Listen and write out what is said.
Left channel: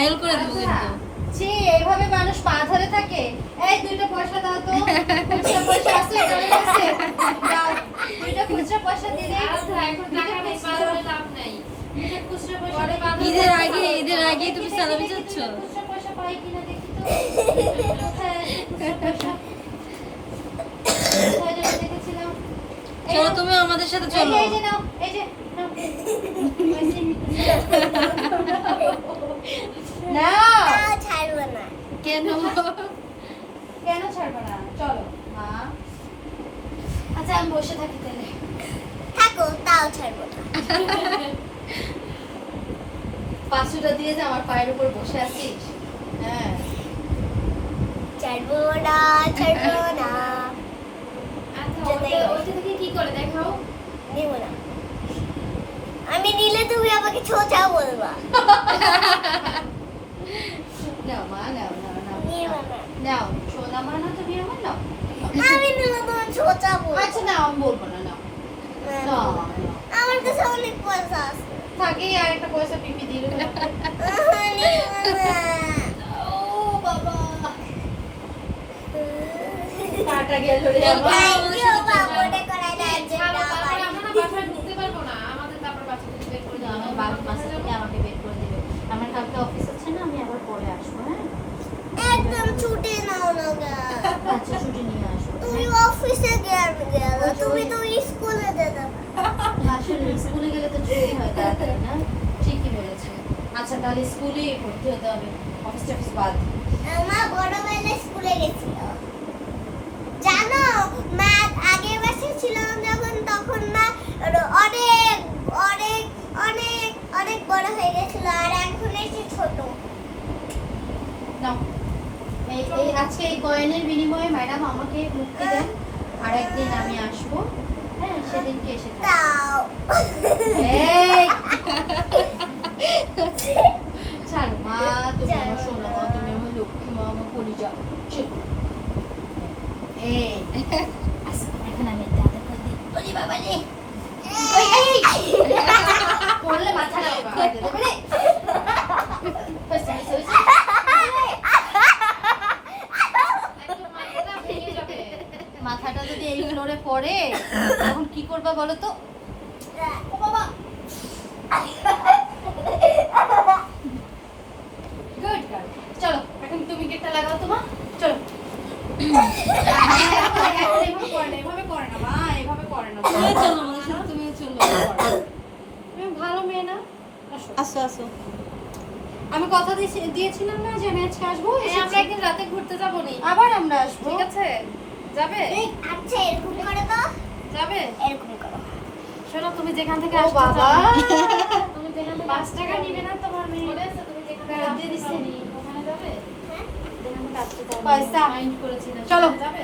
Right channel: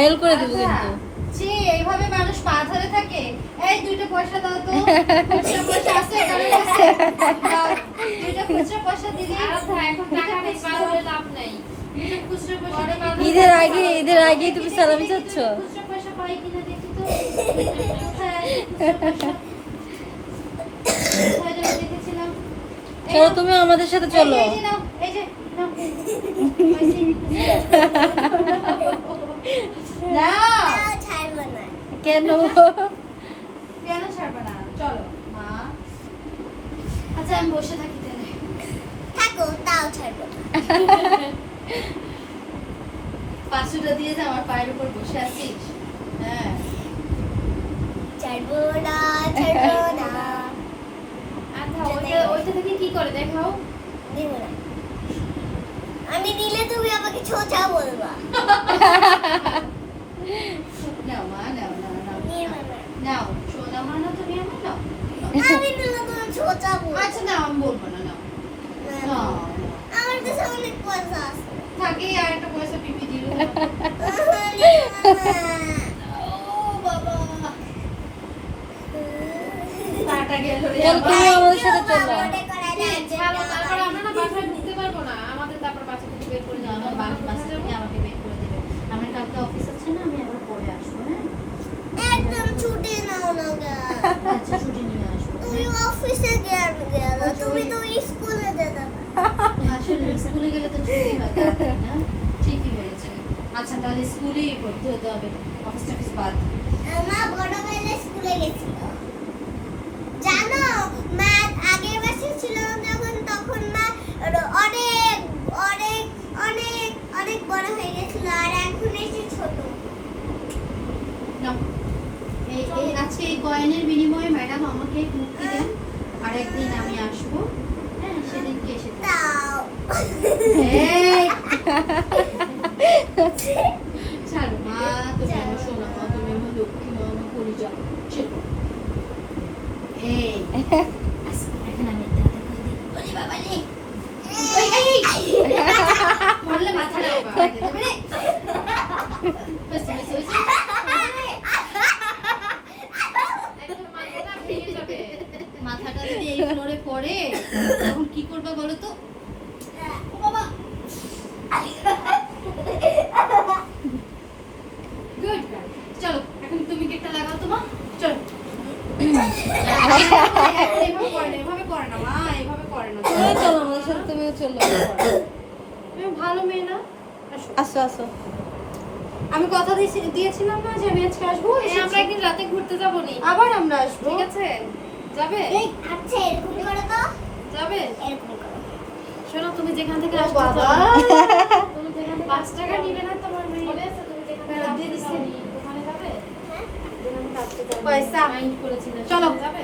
Viral করে দেবো কিন্তু। ছি, এইভাবে মানুষ পা ধরে থাকে। এই 2টা পয়সা দাও তো। খুচরা পয়সা আছে এখানে আছে। দাও, 2টা খুচরা পয়সা দিলে এখন টাকা নেই, পা ধরে লাভ নাই। 2টা খুচরা পয়সা পরে দিলে- পা ধরে- ঈদের আগে তুমি সালামি চাচ্ছ? খুচরা পয়সা পাই কিনা দেখি তো। কোথায় আছে খুচরা পয়সা? কোথায় যেন দেখেছিলাম। এই চলো নাও। তুমি আমাদের সাথে এই চলো। যে, এই যে নাও, এই যে, নাও। নাও। ছাড়বো না। কেন? কেন ছাড়বে না? চলো মা। আচ্ছা আমি বসে থাকি তাহলে। থাকো, তাও ছাড়বো না। 500টা দিয়ে যে আমার পায়ের উপর বসে আছিস। হ্যাঁ। ছাড়বো না, ছাড়বো না। আচ্ছা, ওইটা থেকে কি করে দেখাও? নেবো না। আমি নিলে তুমি আমাকে ছোচা বলবা। নাও মা, নাও নাও নাও নেবো না। নাও সোনা মা না তুমি আমার নাও। আমি নিলে তোমার ছোচা বলবো। আচ্ছা নাও আমি বলবো না নাও নাও। আমার কাছে অনেক পয়সা আছে। থাকে আর একটা পয়সা পিপি দিল। নেবো না। ও বাবা কাটা গেল রে চল, আমার। আমাদের সাথে চলো। মনে করা যায় যে ছাড়ো, না, তারপরে আমরা না বাসায় ঢুকতে পারবো না। আমাদের তারপর বাসা থেকে বের করে না, দেওয়া আমার বাড়ির পাশে থেকে আমাকে বের করে দিবে। আমার কালকে অফিস আছে না, আমি আবার পরে আসবো। হ্যাঁ একদম ছুটি নাও না গা। আচ্ছা ছুটি নিয়ে আসবো। তুমি অফিসে গেলে তুমি তো স্কুলে যেতে আসলে স্কুলে গেলে তো ছুটি হয় তাড়াতাড়ি না। ঠিকই বলেছেন। আচ্ছা তাহলে স্কুলেই ভর্তি হতে হবে, অফিস টফিস বাদ। মা বড়বেলায় স্কুলে গেছিল জানো। মা আগের মাসে ছিল যখন, তখন মা অনেক অনেক অনেক অনেক বড় হয়ে গেছিল, আর এখন এসে ছোট। নাও এই আজকে এই কয়েনের বিনিময়ে ম্যাডাম আমাকে মুক্তি দেন। আর একদিন আমি আসবো। হ্যাঁ সেদিনকে এসে থাকবো। তাও এই! ছাড়ো মা, তুমি আমার সোনা মা, তুমি আমার লক্ষ্মী মা, আমার কলিজা। ছেড়ো। এই, আচ্ছা, এখন আমি একটা হাতে করে দিই। ওরে বাবা রে! এই, এই! পড়লে মাথাটা ফাটে যাবে রে। হয়েছে, হয়েছে, হয়েছে। একদম মাথাটা ভেঙে যাবে। মাথাটা যদি এই ফ্লোরে পড়ে তখন কি করবা বলো তো? ও বাবা! Good girl. চলো এখন তুমি কেকটা লাগাও তো মা। চলো। এভাবে করে না মা, এভাবে করে না। চলো চলো আমাদের সাথে তুমিও চলো। তুমি ভালো মেয়ে না? আসো। আসো আসো। আমি কথা দিয়েছিলাম না যে আমি আজকে আসবো। এই আমরা একদিন রাতে ঘুরতে যাবো নি। আবার আমরা আসবো। ঠিক আছে? যাবে? এই আচ্ছা এরকম করে দাও, যাবে? এরকম করো। শোনো, তুমি যেখান থেকে ও আসছো বাবা! তুমি যেখান থেকে 5 টাকা নিবে না তোমার মনে আছে? তুমি যেখানে দিয়ে দিচ্ছি। ওখানে যাবে? হ্যাঁ যেখানে কাটতে যাবে। পয়সা। মাইন্ড করেছিলে। চলো। যাবে?